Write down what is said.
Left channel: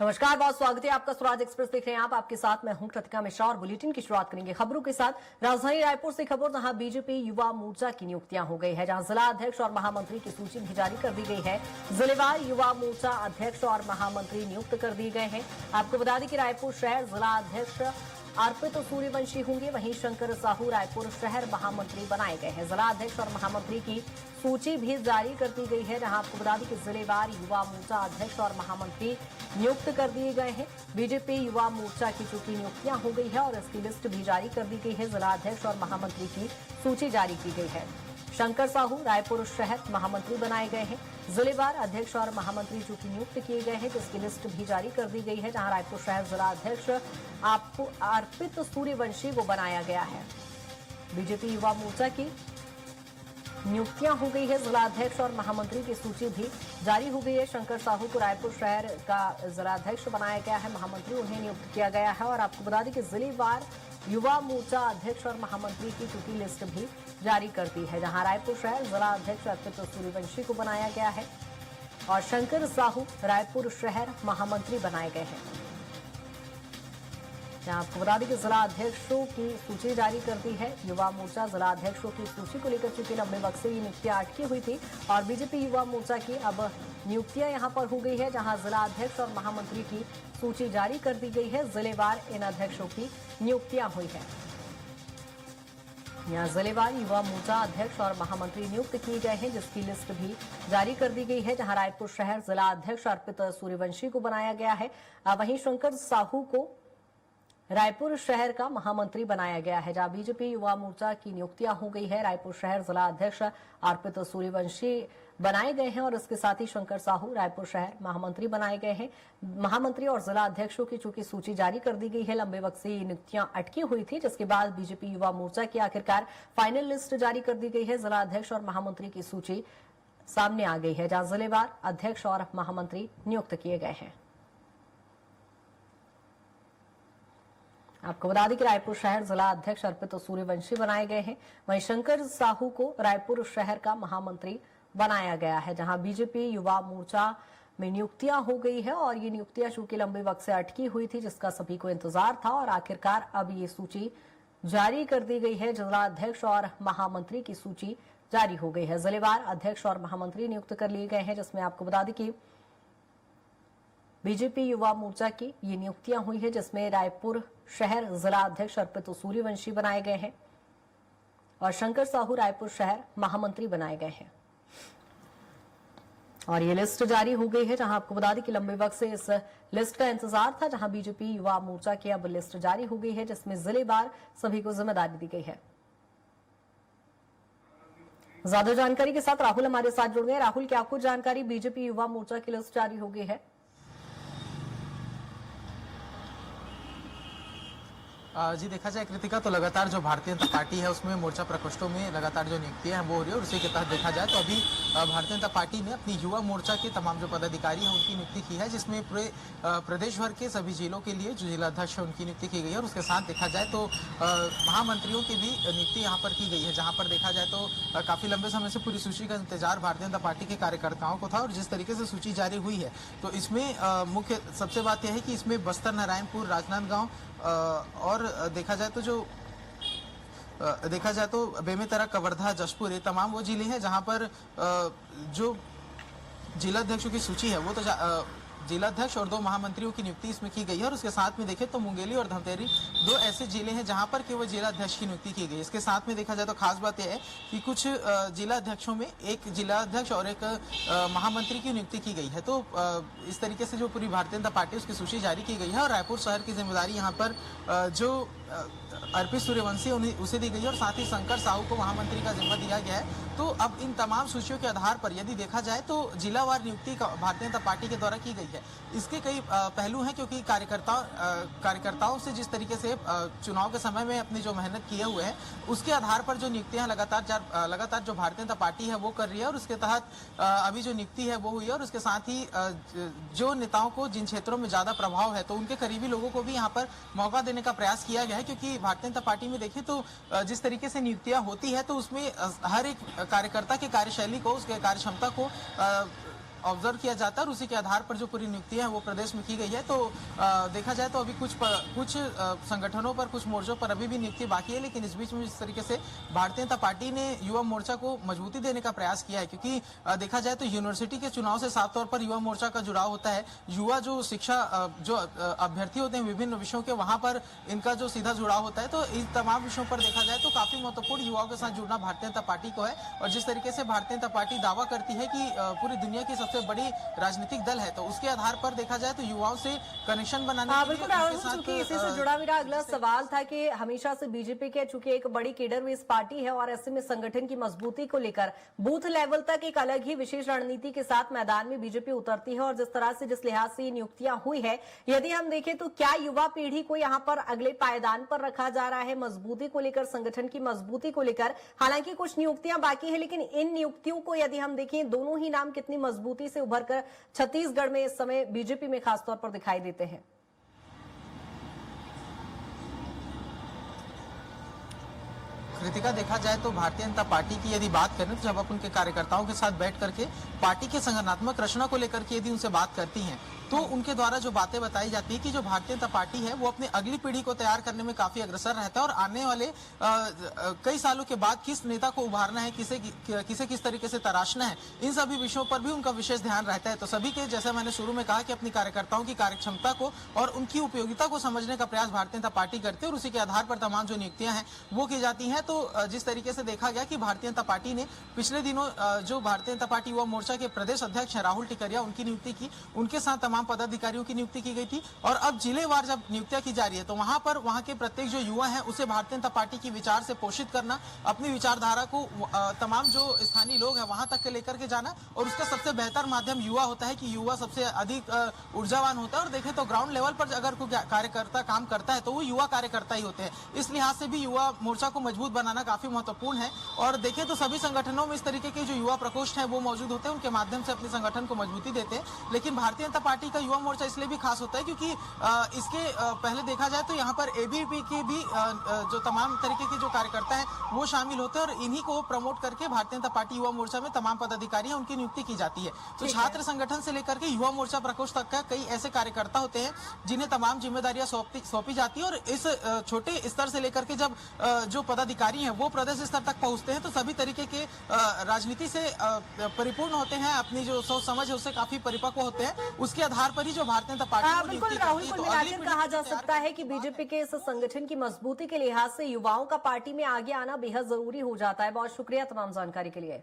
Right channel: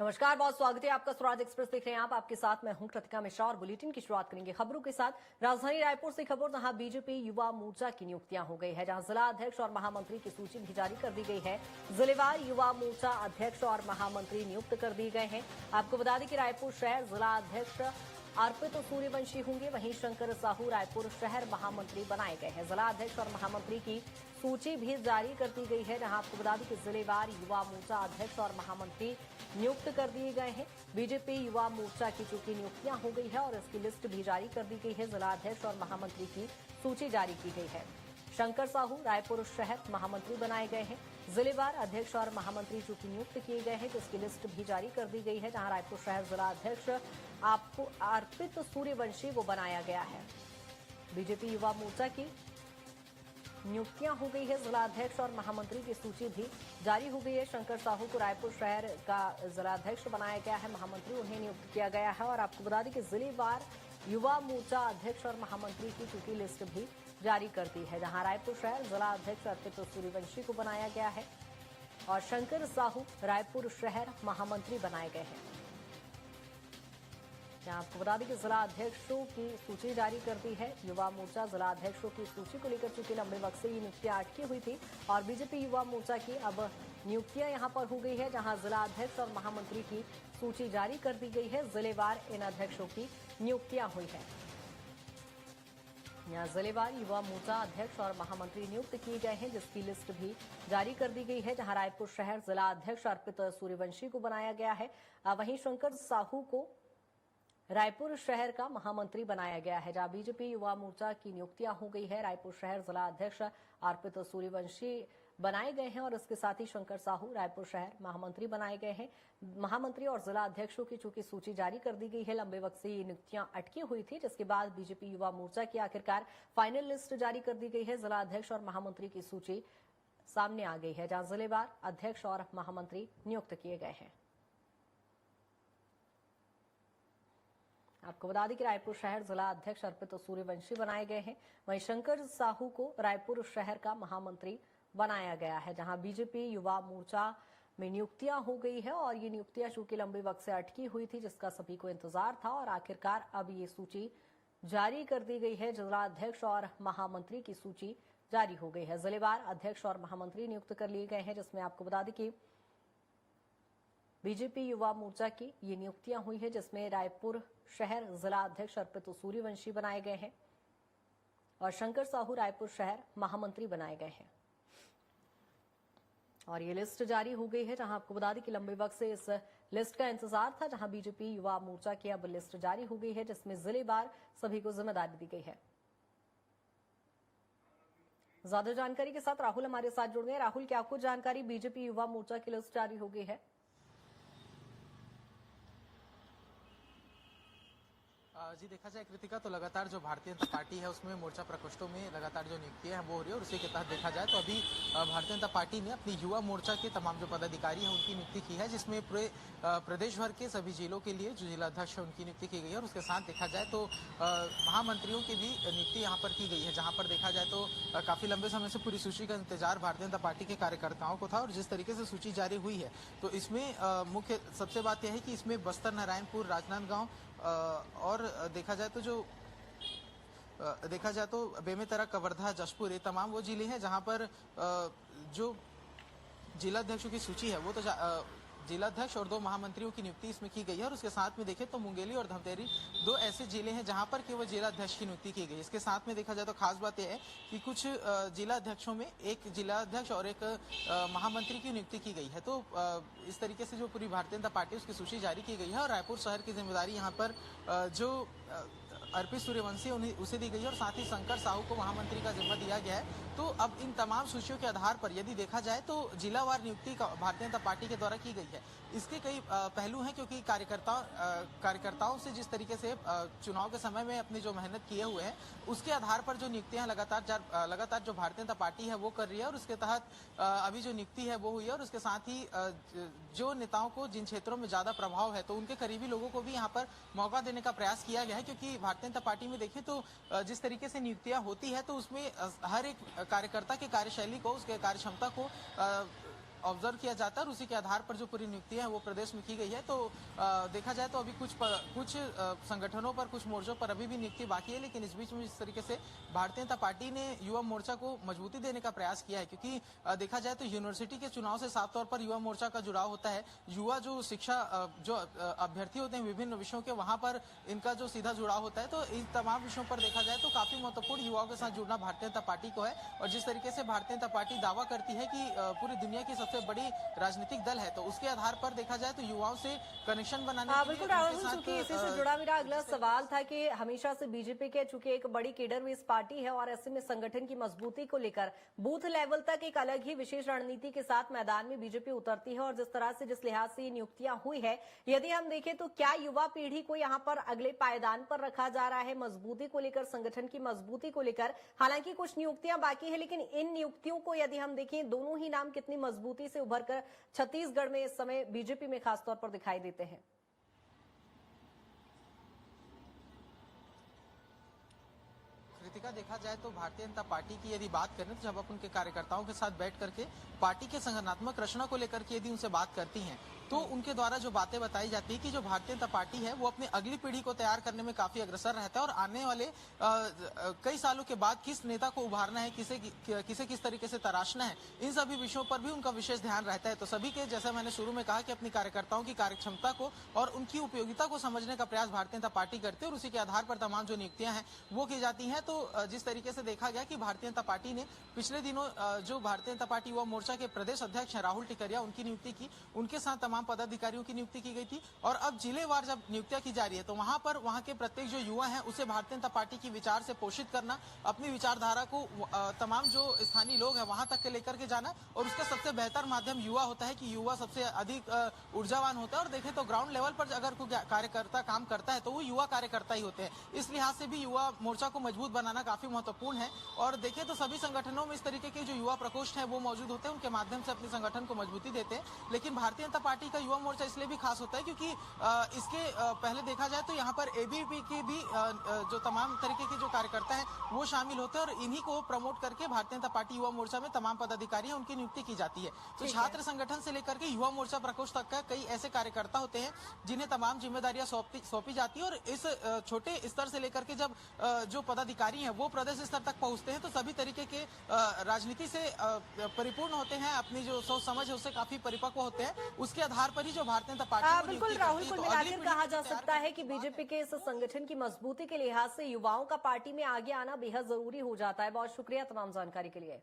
नमस्कार, बहुत स्वागत है आपका। स्वराज एक्सप्रेस देख रहे हैं आप। आपके साथ मैं हूं कृतिका मिश्रा और बुलेटिन की शुरुआत करेंगे खबरों के साथ। राजधानी रायपुर से खबर, जहां बीजेपी युवा मोर्चा की नियुक्तियां हो गई है, जहां जिला अध्यक्ष और महामंत्री की सूची भी जारी कर दी गई है। जिलेवार युवा मोर्चा अध्यक्ष और महामंत्री नियुक्त कर दिए गए हैं। आपको बता दें कि रायपुर शहर जिला अध्यक्ष अर्पित सूर्यवंशी होंगे, वहीं शंकर साहू रायपुर शहर महामंत्री बनाए गए हैं। जिला अध्यक्ष और महामंत्री की सूची भी जारी कर दी गई है, जहां आपको बता दें कि जिलेवार युवा मोर्चा अध्यक्ष और महामंत्री नियुक्त कर दिए गए हैं। बीजेपी युवा मोर्चा की चूंकि नियुक्तियां हो गई है और इसकी लिस्ट भी जारी कर दी गई है। जिला अध्यक्ष और महामंत्री की सूची जारी की गई है। शंकर साहू रायपुर शहर महामंत्री बनाए गए हैं। जिलेवार अध्यक्ष और महामंत्री चूंकि नियुक्त किए गए हैं, जिसकी लिस्ट भी जारी कर दी गई है, जहां रायपुर शहर जिला अध्यक्ष अर्पित सूर्यवंशी को बनाया गया है। बीजेपी युवा मोर्चा की नियुक्तियां हो गई है। जिला अध्यक्ष और महामंत्री की सूची भी जारी हो गई है। शंकर साहू को रायपुर शहर का जिला अध्यक्ष बनाया गया है, महामंत्री उन्हें नियुक्त किया गया है। और आपको बता दें कि जिलेवार युवा मोर्चा अध्यक्ष और महामंत्री की चूंकि लिस्ट भी जारी कर दी है, जहां रायपुर शहर जिला अध्यक्ष अर्पित सूर्यवंशी को बनाया गया है और शंकर साहू रायपुर शहर महामंत्री बनाए गए हैं। आपको बता दें कि जिला अध्यक्षों की सूची जारी कर दी है। युवा मोर्चा जिला अध्यक्षों की सूची को लेकर चूंकि लंबे वक्त से ये नियुक्तियां अटकी हुई थी और बीजेपी युवा मोर्चा की अब नियुक्तियां यहां पर हो गई है, जहां जिला अध्यक्ष और महामंत्री की सूची जारी कर दी गई है। जिलेवार इन अध्यक्षों की नियुक्तियां हुई है। यहाँ जिलेवार युवा मोर्चा अध्यक्ष और महामंत्री नियुक्त किए गए हैं, जिसकी लिस्ट भी जारी कर दी गई है, जहां रायपुर शहर जिला अध्यक्ष अर्पित सूर्यवंशी को बनाया गया है। वहीं शंकर साहू को रायपुर शहर का महामंत्री बनाया गया है, जहां बीजेपी युवा मोर्चा की नियुक्तियां हो गई है। रायपुर शहर जिला अध्यक्ष अर्पित सूर्यवंशी बनाए गए हैं और इसके साथ ही शंकर साहू रायपुर शहर महामंत्री बनाए गए हैं। महामंत्री और जिला अध्यक्षों की चूंकि सूची जारी कर दी गई है, लंबे वक्त से ये नियुक्तियां अटकी हुई थी, जिसके बाद बीजेपी युवा मोर्चा की आखिरकार फाइनल लिस्ट जारी कर दी गई है। जिला अध्यक्ष और महामंत्री की सूची सामने आ गई है, जहां जिलेवार अध्यक्ष और महामंत्री नियुक्त किए गए हैं। आपको बता दें कि रायपुर शहर जिला अध्यक्ष अर्पित सूर्यवंशी बनाए गए हैं, वहीं शंकर साहू को रायपुर शहर का महामंत्री बनाया गया है, जहां बीजेपी युवा मोर्चा में नियुक्तियां हो गई है और ये नियुक्तियां चूंकि लंबे वक्त से अटकी हुई थी, जिसका सभी को इंतजार था और आखिरकार अब ये सूची जारी कर दी गई है। जिला अध्यक्ष और महामंत्री की सूची जारी हो गई है। जिलेवार अध्यक्ष और महामंत्री नियुक्त कर लिए गए हैं, जिसमें आपको बता दें कि बीजेपी युवा मोर्चा की ये नियुक्तियां हुई है, जिसमें रायपुर शहर जिला अध्यक्ष अर्पित सूर्यवंशी बनाए गए हैं और शंकर साहू रायपुर शहर महामंत्री बनाए गए हैं। और ये लिस्ट जारी हो गई है, जहां आपको बता दें कि लंबे वक्त से इस लिस्ट का इंतजार था, जहां बीजेपी युवा मोर्चा की अब लिस्ट जारी हो गई है, जिसमें जिलेवार सभी को जिम्मेदारी दी गई है। ज्यादा जानकारी के साथ राहुल हमारे साथ जुड़ गए। राहुल, क्या कुछ जानकारी? बीजेपी युवा मोर्चा की लिस्ट जारी हो गई है। जी, देखा जाए कृतिका तो लगातार जो भारतीय जनता पार्टी है उसमें मोर्चा प्रकोष्ठों में लगातार जो नियुक्तियां हैं वो हो रही है और उसी के तहत देखा जाए तो अभी भारतीय जनता पार्टी ने अपनी युवा मोर्चा के तमाम जो पदाधिकारी हैं उनकी नियुक्ति की है, जिसमें पूरे प्रदेश भर के सभी जिलों के लिए जो जिलाध्यक्ष है उनकी नियुक्ति की गई है और उसके साथ देखा जाए तो महामंत्रियों की भी नियुक्ति यहाँ पर की गई है, जहाँ पर देखा जाए तो काफी लंबे समय से पूरी सूची का इंतजार भारतीय जनता पार्टी के कार्यकर्ताओं को था और जिस तरीके से सूची जारी हुई है तो इसमें मुख्य सबसे बात यह है कि इसमें बस्तर, नारायणपुर, राजनांदगांव और देखा जाए तो बेमेतरा, कवर्धा, जशपुर ये तमाम वो जिले हैं जहां पर जो जिलाध्यक्षों की सूची है वो तो जिलाध्यक्ष और 2 महामंत्रियों की नियुक्ति इसमें की गई है और उसके साथ में देखें तो मुंगेली और धमतेरी 2 ऐसे जिले हैं जहां पर केवल जिलाध्यक्ष की नियुक्ति की गई। इसके साथ में देखा जाए तो खास बात यह है कि कुछ जिलाध्यक्षों में एक जिलाध्यक्ष और एक महामंत्री की नियुक्ति की गई है। तो इस तरीके से जो पूरी भारतीय जनता पार्टी उसकी सूची जारी की गई है और रायपुर शहर की जिम्मेदारी यहाँ पर जो अर्पित सूर्यवंशी उसे दी गई है और साथ ही शंकर साहू को महामंत्री का जिम्मा दिया गया है। तो अब इन तमाम सूचियों के आधार पर यदि देखा जाए तो जिलावार नियुक्ति भारतीय जनता पार्टी के द्वारा की गई है। इसके कई पहलू हैं, क्योंकि कार्यकर्ताओं से जिस तरीके से चुनाव के समय में अपनी जो मेहनत किए हुए हैं उसके आधार पर जो नियुक्तियां लगातार जो भारतीय जनता पार्टी है वो कर रही है और उसके तहत अभी जो नियुक्ति है वो हुई है और उसके साथ ही जो नेताओं को जिन क्षेत्रों में ज्यादा प्रभाव है तो उनके करीबी लोगों को भी यहाँ पर मौका देने का प्रयास किया गया है, क्योंकि भारतीय जनता पार्टी में देखें तो जिस तरीके से नियुक्तियां होती है तो उसमें हर एक कार्यकर्ता की कार्यशैली को, उसके कार्यक्षमता को ऑब्जर्व किया जाता है और उसी के आधार पर जो पूरी नियुक्तियां हैं वो प्रदेश में की गई है। तो देखा जाए तो अभी कुछ संगठनों पर, कुछ मोर्चों पर अभी भी नियुक्ति बाकी है, लेकिन इस बीच में जिस तरीके से भारतीय जनता पार्टी ने युवा मोर्चा को मजबूती देने का प्रयास किया है, क्योंकि देखा जाए तो यूनिवर्सिटी के चुनाव से साफ तौर पर युवा मोर्चा का जुड़ाव होता है। युवा जो शिक्षा जो अभ्यर्थी होते हैं विभिन्न विषयों के, वहां पर इनका जो सीधा जुड़ाव होता है। तो इन तमाम विषयों पर देखा जाए तो काफी महत्वपूर्ण युवाओं के साथ जुड़ना भारतीय जनता पार्टी को है। और जिस तरीके से भारतीय जनता पार्टी दावा करती है कि पूरी दुनिया की सबसे बड़ी राजनीतिक दल है, तो उसके आधार पर देखा जाए तो युवाओं से कनेक्शन बनाने के बिल्कुल लिए राहुल, उनके साथ, चूंकि इसी से जुड़ा मेरा अगला सवाल था कि हमेशा से बीजेपी के चूंकि एक बड़ी केडर बेस पार्टी है और ऐसे में संगठन की मजबूती को लेकर बूथ लेवल तक एक अलग ही विशेष रणनीति के साथ मैदान में बीजेपी उतरती है। और जिस तरह से, जिस लिहाज से नियुक्तियां हुई है, यदि हम देखें तो क्या युवा पीढ़ी को यहाँ पर अगले पायदान पर रखा जा रहा है मजबूती को लेकर, संगठन की मजबूती को लेकर? हालांकि कुछ नियुक्तियां बाकी है, लेकिन इन नियुक्तियों को यदि हम देखें, दोनों ही नाम कितनी मजबूती से उभर कर छत्तीसगढ़ में इस समय बीजेपी में खासतौर पर दिखाई देते हैं। कृतिका, देखा जाए तो भारतीय जनता पार्टी की यदि बात करें तो जब आप उनके कार्यकर्ताओं के साथ बैठ करके पार्टी के संगठनात्मक रचना को लेकर के यदि उनसे बात करती हैं, तो उनके द्वारा जो बातें बताई जाती है कि जो भारतीय जनता पार्टी है वो अपनी अगली पीढ़ी को तैयार करने में काफी अग्रसर रहता है और आने वाले कई सालों के बाद किस नेता को उभारना है, किसे किस तरीके से तराशना है, इन सभी विषयों पर भी उनका विशेष ध्यान रहता है। तो सभी के, जैसे मैंने शुरू में कहा कि अपनी कार्यकर्ताओं की कार्यक्षमता को और उनकी उपयोगिता को समझने का प्रयास भारतीय जनता पार्टी करते हैं और उसी के आधार पर तमाम जो नियुक्तियां हैं वो की जाती हैं। तो जिस तरीके से देखा गया कि भारतीय जनता पार्टी ने पिछले दिनों जो भारतीय जनता पार्टी युवा मोर्चा के प्रदेश अध्यक्ष हैं राहुल टिकरिया, उनकी नियुक्ति की, उनके साथ तमाम पदाधिकारियों की नियुक्ति की गई थी। और अब जिलेवार जब नियुक्तियां की जा रही है तो वहां पर वहां के प्रत्येक जो युवा है उसे भारतीय जनता पार्टी की विचार से पोषित करना, अपनी विचारधारा को तमाम जो स्थानीय लोग हैं वहां तक के लेकर के जाना। और उसका सबसे बेहतर माध्यम युवा होता है कि युवा सबसे अधिक ऊर्जावान होता है। और देखें तो ग्राउंड लेवल पर अगर कोई कार्यकर्ता काम करता है तो वो युवा कार्यकर्ता ही होते हैं। इस लिहाज से भी युवा मोर्चा को मजबूत बनाना काफी महत्वपूर्ण है। और देखें तो सभी संगठनों में इस तरीके के जो युवा प्रकोष्ठ है वो मौजूद होते हैं, उनके माध्यम से अपने संगठन को मजबूती देते हैं। लेकिन भारतीय जनता पार्टी का युवा मोर्चा इसलिए भी खास होता है क्योंकि इसके पहले देखा जाए तो यहाँ पर एबीवीपी के भी जो तमाम तरीके के जो कार्यकर्ता हैं वो शामिल होते हैं और इन्हीं को प्रमोट करके भारतीय जनता पार्टी युवा मोर्चा में तमाम पदाधिकारी हैं उनकी नियुक्ति की जाती है। तो छात्र संगठन से लेकर के युवा मोर्चा प्रकोष्ठ तक का कई ऐसे कार्यकर्ता होते हैं जिन्हें तमाम जिम्मेदारियां सौंपी जाती है। और इस छोटे स्तर से लेकर के जब जो पदाधिकारी हैं वो प्रदेश स्तर तक पहुंचते हैं तो सभी तरीके के राजनीति से परिपूर्ण होते हैं, अपनी जो सोच समझ है उससे काफी परिपक्व होते हैं। उसके आधार पर ही जो भारतीय जनता पार्टी बिल्कुल राहुल, कुल मिलाकर कहा जा सकता है कि बीजेपी के इस संगठन की मजबूती के लिहाज से युवाओं का पार्टी में आगे आना बेहद जरूरी हो जाता है। बहुत शुक्रिया तमाम जानकारी के लिए।